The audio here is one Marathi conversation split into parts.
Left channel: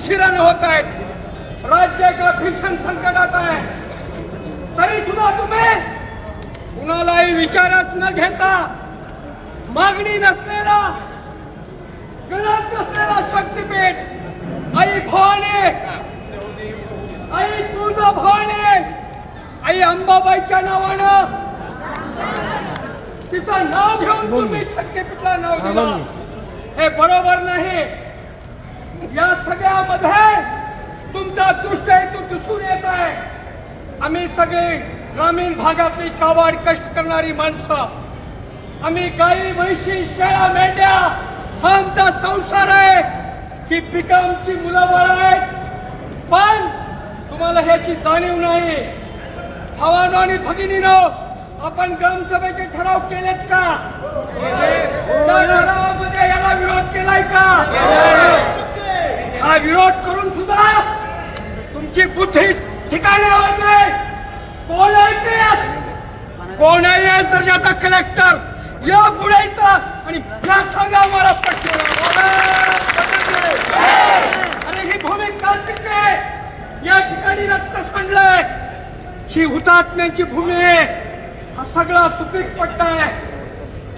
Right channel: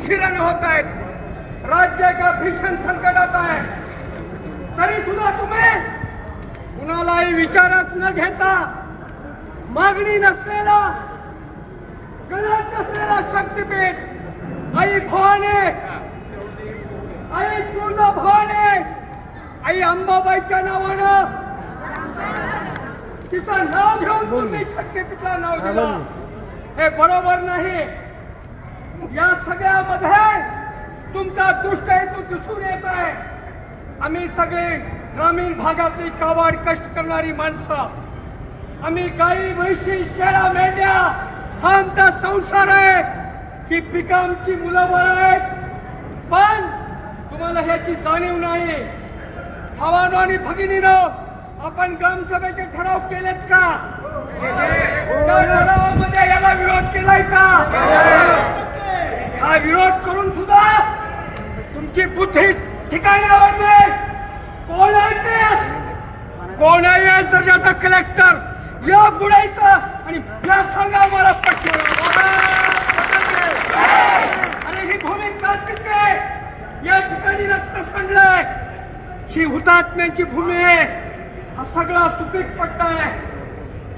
उशिराने होत आहेत. राज्य एका भीषण संकटात आहे. तरी सुद्धा तुम्ही कुणालाही विचारात न घेता मागणी नसलेला गरज नसलेला शक्तीपीठ आई भवानी, आई तुळजा भवानी, आई अंबाबाईच्या नावानं तिचं नाव घेऊन तुम्ही शक्तीपीठला नाव दिलं. हे बरोबर नाही. या सगळ्यामध्ये तुमचा दुष्ट हेतू दिसून येत आहे. आम्ही सगळे ग्रामीण भागातली काबाड कष्ट करणारी माणसं, आम्ही गाई म्हैशी शेळ्या मेंढ्या हा आमचा संसार आहे. ही पिकं आमची मुलं बाळ आहेत. पण तुम्हाला ह्याची जाणीव नाही. भावानो आणि भगिनीनो, आपण ग्रामसभेचे ठराव केलेत का? त्या ठरावामध्ये याला विरोध केलाय का? हा विरोध करून सुद्धा तुमची बुद्धी ठिकाणी लावत नाही. कोण IPS, कोण IAS दर्जाचा कलेक्टर या पुढे आणि या सांगा मला आणि ही भूमी क्रांतीचे या ठिकाणी रक्त सांडलंय. ही हुतात्म्यांची भूमी आहे. हा सगळा सुपीक पट्टा आहे.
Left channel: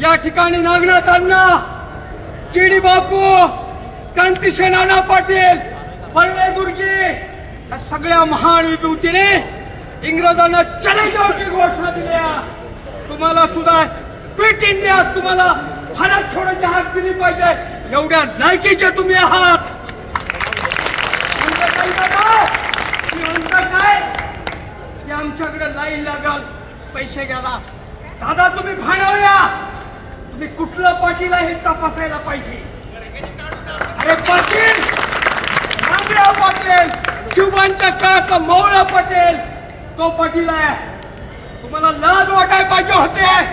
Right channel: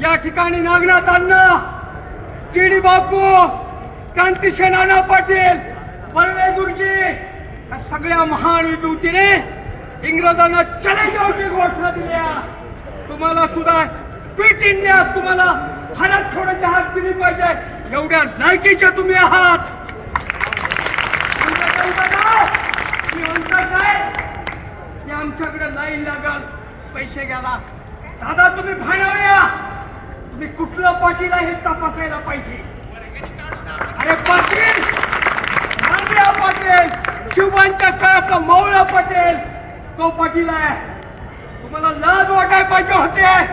या ठिकाणी नागनाथ अण्णा, GD बापू, कांतीशे नाना पाटील, परळे गुरुजी या सगळ्या महान विभूतीने इंग्रजांना चॅलेंजची घोषणा दिल्या. तुम्हाला सुद्धा क्विट इंडिया, तुम्हाला भारत छोडोची हाक दिली पाहिजे. एवढ्या लायकीचे तुम्ही आहात. आमच्याकडे लाईन लागल पैसे घ्यायला. दादा तुम्ही भांडवल्या, तुम्ही कुठलं पाटील आहे हे तपासायला पाहिजे. अरे पाटील, रामराव पाटील, शिवबांच्या काळातला मौला पाटील, तो पाटील आहे. तुम्हाला लाज वाटायला पाहिजे होते.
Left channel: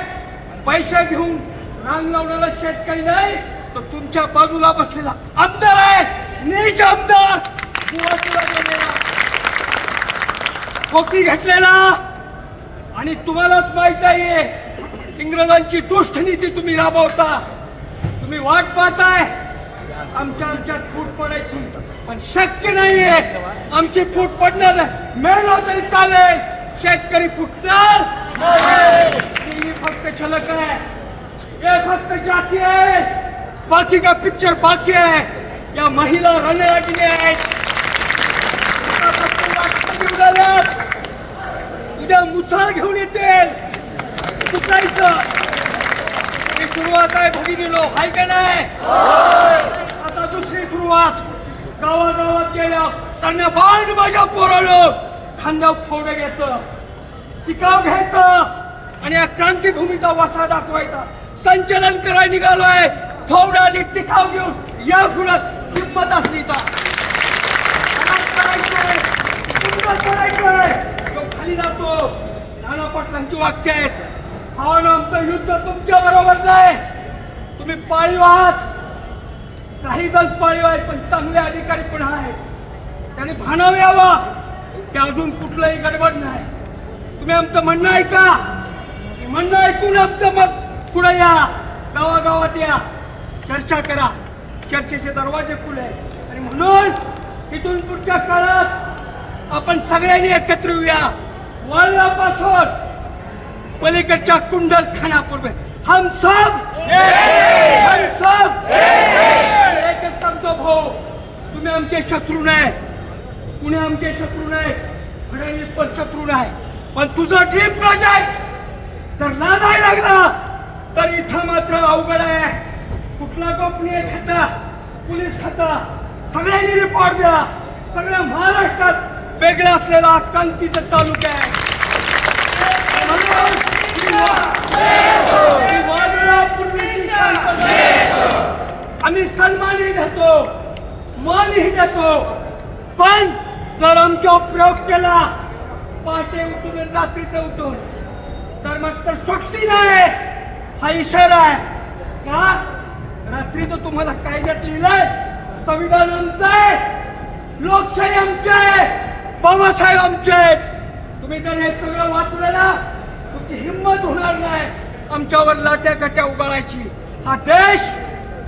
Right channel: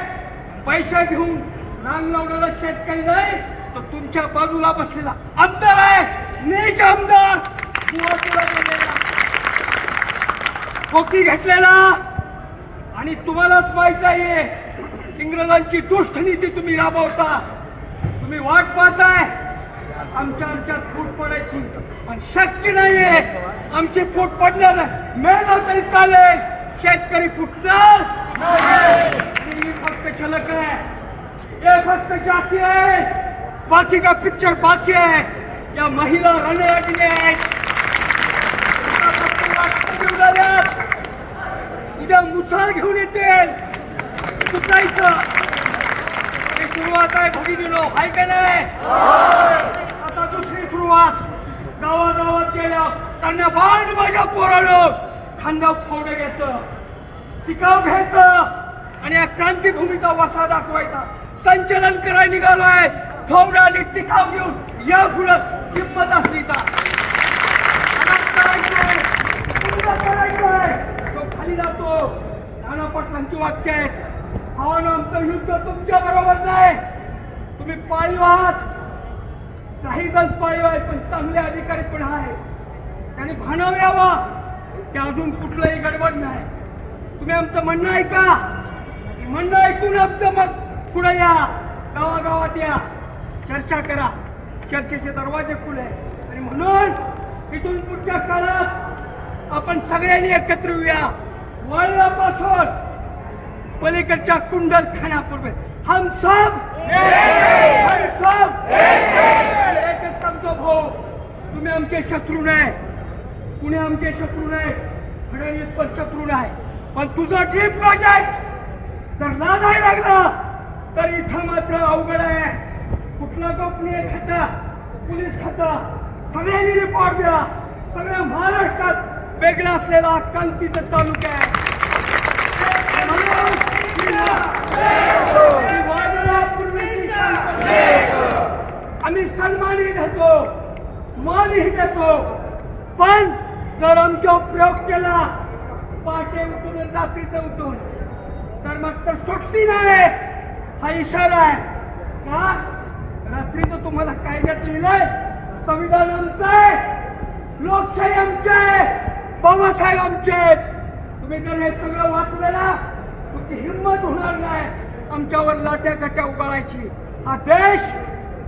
पैसे घेऊन रांग लावलेला शेतकरी नाही, तो तुमच्या बाजूला बसलेला आमदार आहे. नीच आमदार, खोकी घेतलेला. आणि तुम्हालाच माहित आहे इंग्रजांची दुष्ट नीती तुम्ही राबवता. तुम्ही वाट पाहताय आमच्यात फूट पडायची, पण शक्य नाहीये. आमची फूट पडणार नाही. मेलो तरी चालेल, शेतकरी फुटणार दिल्ली फक्त झलक आहे. हे फक्त जाती आहे, बाकी का पिक्चर बाकी आहे. या महिला रणरागिणी आहेत. उद्या मुसार घेऊन येतील. चुकायचं ही सुरुवात आहे. भगिनीनो, आहे का नाही? आता दुसरी सुरुवात. गावागावात गेल्या त्यांना बाण माझ्या पोरानं खांदा फोडे घ्यायचं, टिकाव घ्यायचं आणि या क्रांतीभूमीचा वसा दाखवायचा. संचलन करायला निघालोय. फोडा आणि टिकाव घेऊन या पुढे हिंमत असली का तो खाली जातो. नाना पाटलांची वाक्य आहेत. आमचं युद्ध तुमच्या बरोबर नाही. तुम्ही पाळीव आहात. काही जण पाळीव आहेत, पण चांगले अधिकारी पण आहेत. त्याने भानाव यावा की अजून कुठलंही गडबड नाही. तुम्ही आमचं म्हणणं ऐका. म्हणणं ऐकून आमचं मत पुढे या. गावागावात या, चर्चा करा. चर्चेचे दरवाजे खुले. आणि म्हणून इथून पुढच्या काळात आपण सगळ्यांनी एकत्र येऊया. वळल्यापासून पलीकडच्या कुंडलखान्यापूर्वी हम सब एकच सांगतो भाऊ, तुम्ही आमचे शत्रू नाही. कुणी आमचे शत्रू नाही. फडणवीस पण शत्रू नाही. पण तुझा ड्रीम प्रोजेक्ट जर लागायला लागला तर इथं मात्र अवघड आहे. कुठला गोपनीय खाता, पोलीस खाता, सगळ्यांनी रिपोर्ट द्या. सगळ्या महाराष्ट्रात वेगळा असलेला कांतीचा तालुका आहे. आम्ही सन्मानही घेतो, मानही देतो. पण जर आमचा प्रयोग केला पहाटे उठून रात्रीचं उठून तर मग तर सुट्टी नाही. हा इशारा आहे का? रात्रीचं तुम्हाला कायद्यात लिहिलंय संविधान आमचं आहे, लोकशाही आमची आहे, बाबासाहेब आमचे आहेत. तुम्ही जर हे सगळं वाचलं ना, तुमची हिंमत होणार नाही आमच्यावर लाट्या काट्या उभारायची. हा देश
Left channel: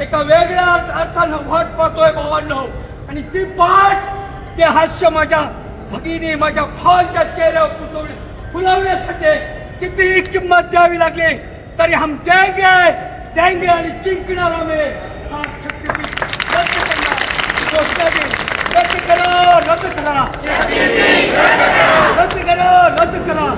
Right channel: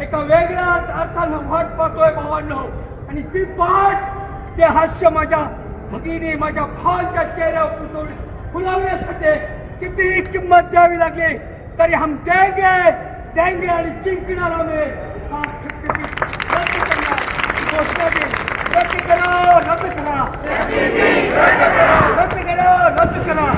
एका वेगळ्या अर्थानं वाट पाहतोय भावांनो. आणि ती पाठ ते हास्य माझ्या भगिनी माझ्या भावांच्या चेहऱ्यावर फुलवण्यासाठी कितीही किंमत द्यावी लागली तरी हम देंगे आणि जिंकणार आम्ही. हा शक्तीपीठ रद्द करणार घोषणा देऊ. रद्द करा रद्द करा रद्द करा रद्द करा.